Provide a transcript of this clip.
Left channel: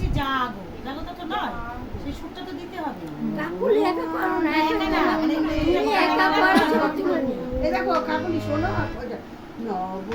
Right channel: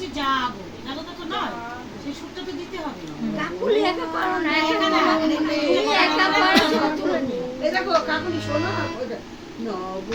বলছি জাগো জাগো তো নয় সেই সুরটা তো দিতে হবে কাকুলি একা করো না একা না, মানে তুমি একা করো তুলে নিও এই দেখো কাকুলি শোনো নব